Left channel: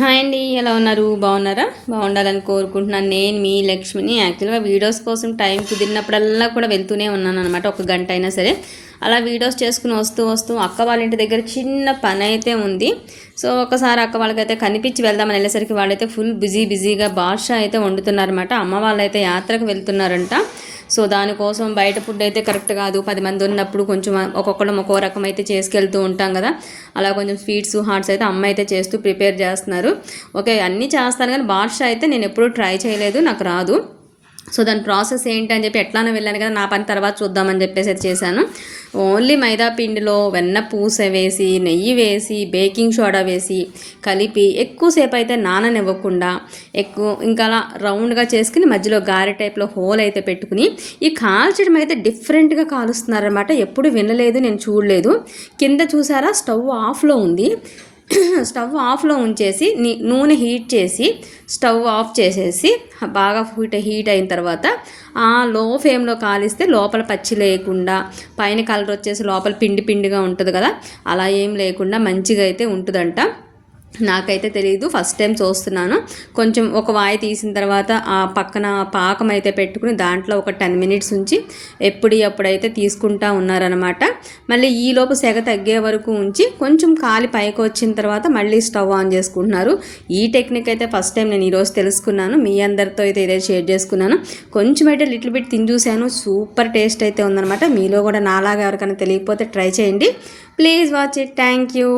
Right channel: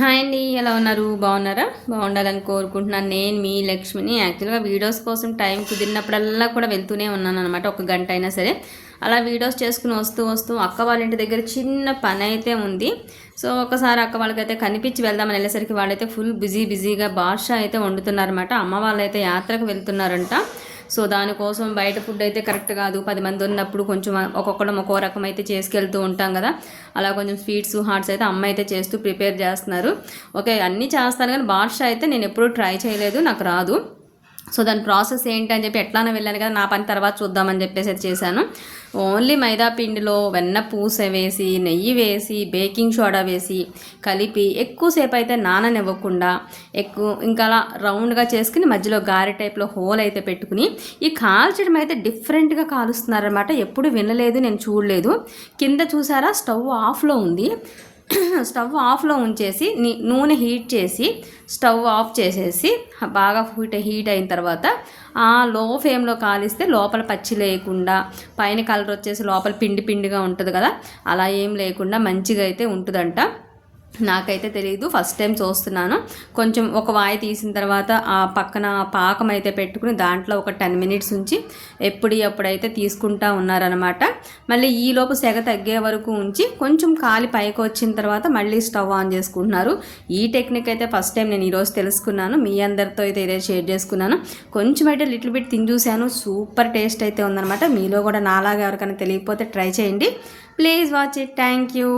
Hi అండి ఎలా ఉన్నారు? బాగున్నారా? బాగుండాలని కోరుకుంటున్నాను. నేను మీ లక్ష్మిని. యాక్చువల్గా వీడియోస్ కోసం టైం కుదిరినప్పుడల్లా కూడా వెళ్తూనే ఉన్నాను అనమాట ఒక గంట అయినా సరే. అలా వీడియోస్ చేసుకుని వస్తూ వస్తూ అక్క వాళ్ళ ఇంటి దగ్గర చిన్న పని అయితే ఉంది. సో ఒకసారి అక్క వాళ్ళకైతే కనిపించి వెళ్దామని వెళ్ళేసరికి వాళ్ళైతే ఫుల్ బిజీ బిజీగా బాషా అయితే వండుతున్నారనమాట అమ్మ వాళ్ళైతే యాత్రకు వెళ్తున్నారంట. సో దానికోసం బయట ఫుడ్ అయితే కరెక్ట్ కాదు. పది మంది ఉన్నప్పుడు కొంచెం ఒక్కొక్కడం ఒక్కో రకం అయితే చేసుకెళ్తూ ఉంటాం కదా. అలా కొంచెం స్వీట్స్ హార్ట్స్ అయితే అమ్మ అయితే చేస్తూ ప్రిపేర్ చేస్తున్నారు. ఓకే అన్నీ చేస్తాను కానీ బాద్షా అయితే నేను ఎప్పుడూ ట్రై చేయలేదు నాకు రాదు. సో దాని ప్రాసెస్ ఏంటి అని చెప్పి ఎట్లానో వెళ్ళాను కదా నా పని తర్వాత చూద్దామని చెప్పేసి అది చేశాను. ఓన్లీ మైదా పిండిలో వెన్న పూస వేసి నెయ్యి వేసి బేకింగ్ సోడా వేసి కలిపి ఎక్కువసేపు అయితే నాననివ్వకుండా ఎక్కువ ఇంకా అలా రౌండ్గా చేసుకుని మధ్యలో గారె టైప్లో హోల్ అయితే పెట్టుకుని ఈ కాల్చడం అయితే డిఫరెంట్గా కాలుస్తున్నారనమాట ఎప్పుడు వినలేదు నేను చూడలేదు. కింద చూసారా? స్టవ్ ఆఫ్లో ఉంది. స్టవ్ ఆఫ్లో ఉంచేసి నూనె హీట్ చేసి స్టవ్ ఆఫ్ చేసేసి బాగా హీట్ హీట్ అయిన తర్వాత ఆ లో ఫ్లేమ్లో కాలిస్తే లోపల పచ్చి లేకుండా పైన కలర్ వచ్చేసి లోపల పిండి పిండిగా ఉంటుంది కదా అలా ఏం లేకుండా మంచిగా అయితే ఉంటుందంట. నాకైతే తెలియదు ఫస్ట్ టైం చూస్తున్నాను. కొంచెం ఒక వాయి తీసిన తర్వాత ఆ పక్కన పాకం అయితే పెట్టుకుని దాంట్లో ఒక టెన్ మినిట్స్ ఉంచి ఎప్పుడు ఎప్పుడైతే తీసుకుంటా ఉన్నారనమాట మళ్ళీ ఈలోపు సెగ తగ్గే వరకు ఉంచి కొంచెం కాలి పైకి వచ్చిన తర్వాత మళ్ళీ స్టవ్ ఆన్ చేసుకుంటున్నారు. ఈ టెక్నిక్ అయితే ఫస్ట్ టైం నేను ఈరోజు తెలుసుకున్నాను. మీ అందరితో అయితే ఇదే షేర్ చేసుకున్నాను. కొంచెం అయితే లిటిల్ బిట్ తిని చూశాను. సూపర్ టేస్ట్ అయితే ఉందనమాట మీలో కూడా నాలాగా ఎవరికైనా తెలియకపోతే ట్రై చేయండి. Please watch it. Thank you.